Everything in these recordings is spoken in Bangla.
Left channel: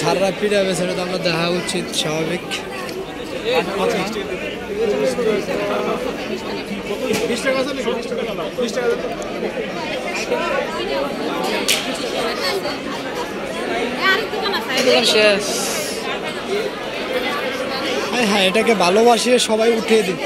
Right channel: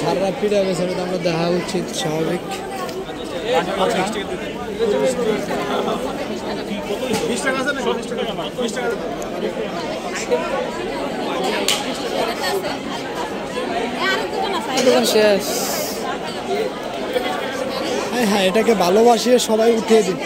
ছাড়রা পিড়াবে সেটা তো আমরা দেখা উচিত স্বাভাবিক। হ্যাঁ হ্যাঁ, এটাকে ভালোবাসিয়ে সবাই উঠিয়ে দিন।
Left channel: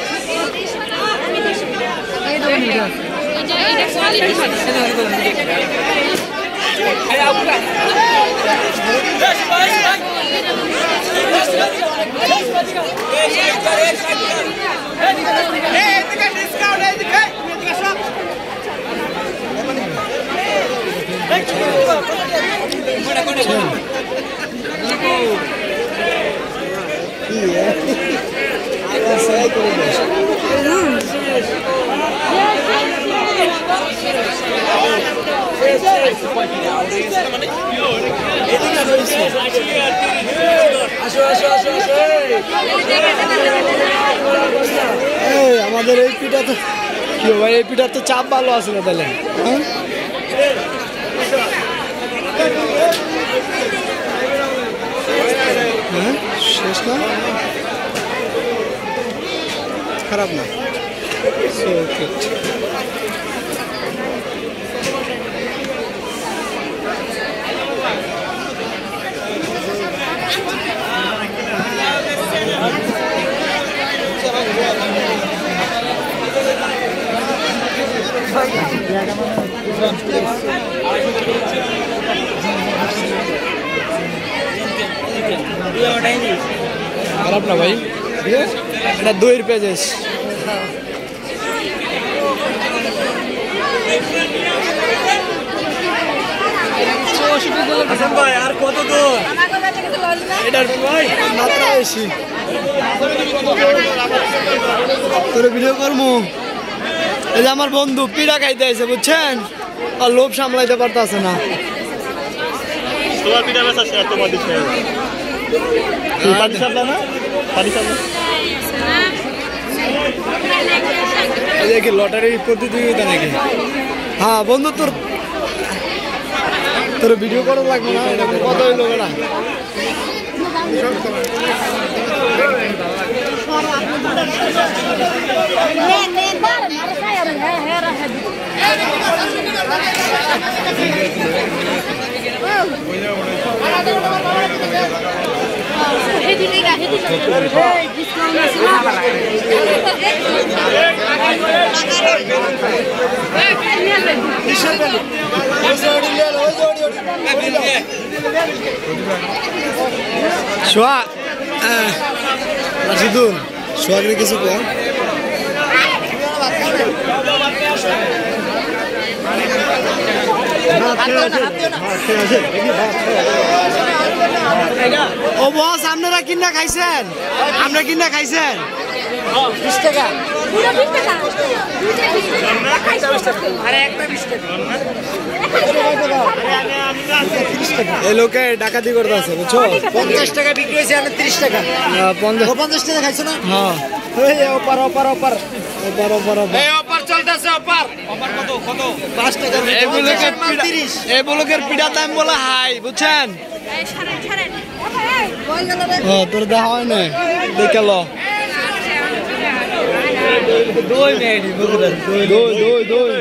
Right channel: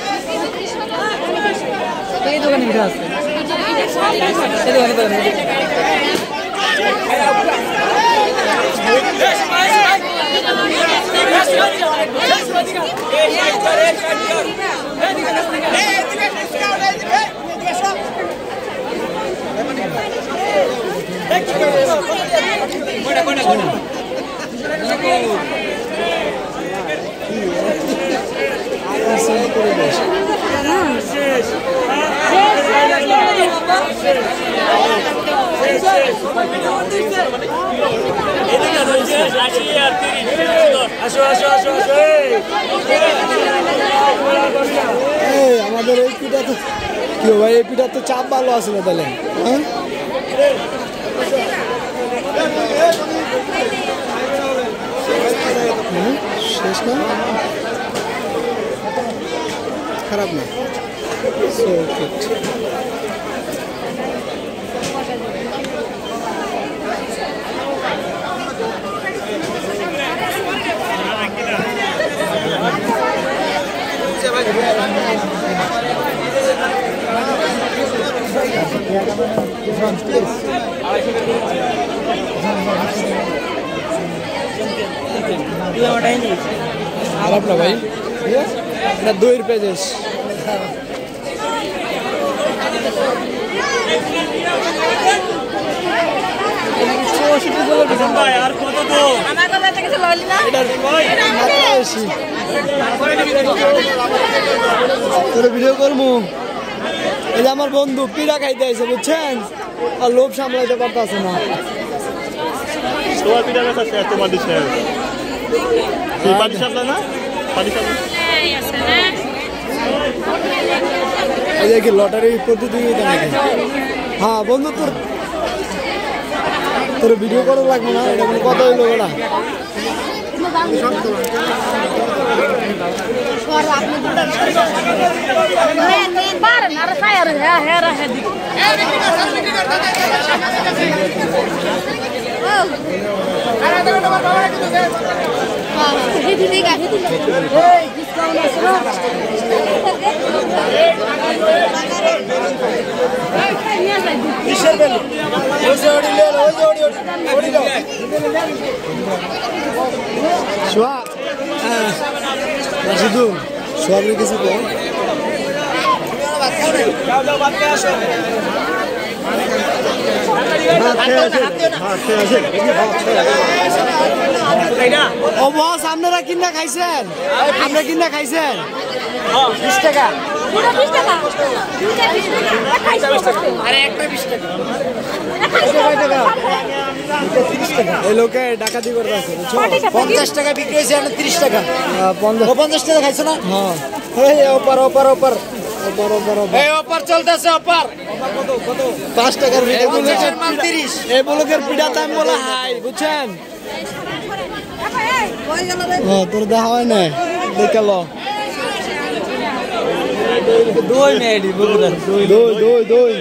আমাদের এই পিঠা তো কি ভাই, এই পিঠার তো চাপ ভালো আছে না তাহলে? হ্যাঁ শেষ না, খারাপ না। খারাপ না ভাই, এটা 2 পেজেস। এটার মাত্রা বেশি, তোর ভিডিও করবো। এই যে আমার বন্ধু পিড়া খাইতে আছে বুঝছেন, আর লোভ সামলাইতে পারতেছে না। দেখি লটারি প্রতিযোগিতা নাকি? হ্যাঁ বন্ধু, তোর ভিডিও করা লাগবে না, এটা কত হইলো ওটা? সোহাগের কিছু কম ও বস, আপনারা কিনা খাইছেন? আপনারা কিনা খাইছেন? 20 টাকা। এই লোকে ডাকাতি করতে আছে বুঝছো, 50 টাকা বিক্রি হয়েছে, 30 টাকা। 50 টাকা খাইছো না? হ্যাঁ, অপার অপার অপার অপার অপার অপার চলতেছে, অপার কত কত 5 টাকা। এই ব্লকের পিঠা দাম বলে হাই বুঝছেন। তোর দেখা হয় না, দেখে লো। দই মেয়েটি বুঝলেন, দই দই দই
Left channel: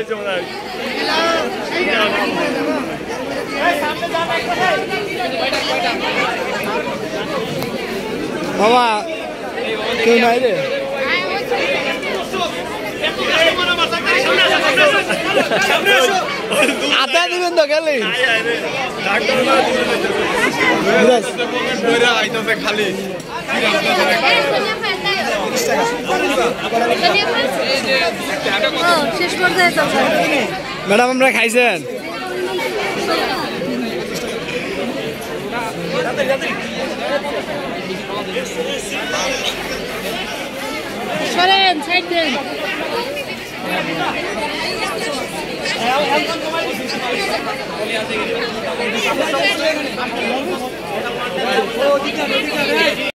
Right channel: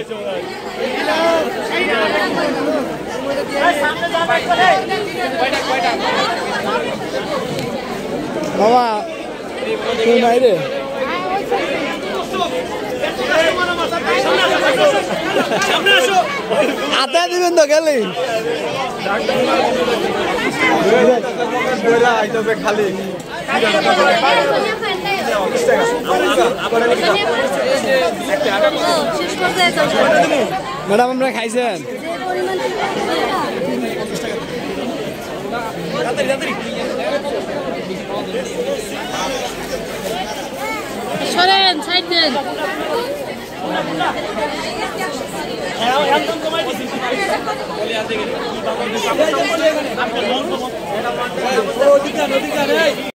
বাবা, কেউ নাই রে? আটা দিবেন তো গেলে খালি। ম্যাডাম আমরা খাইছেন? সরেন সাইড দেন।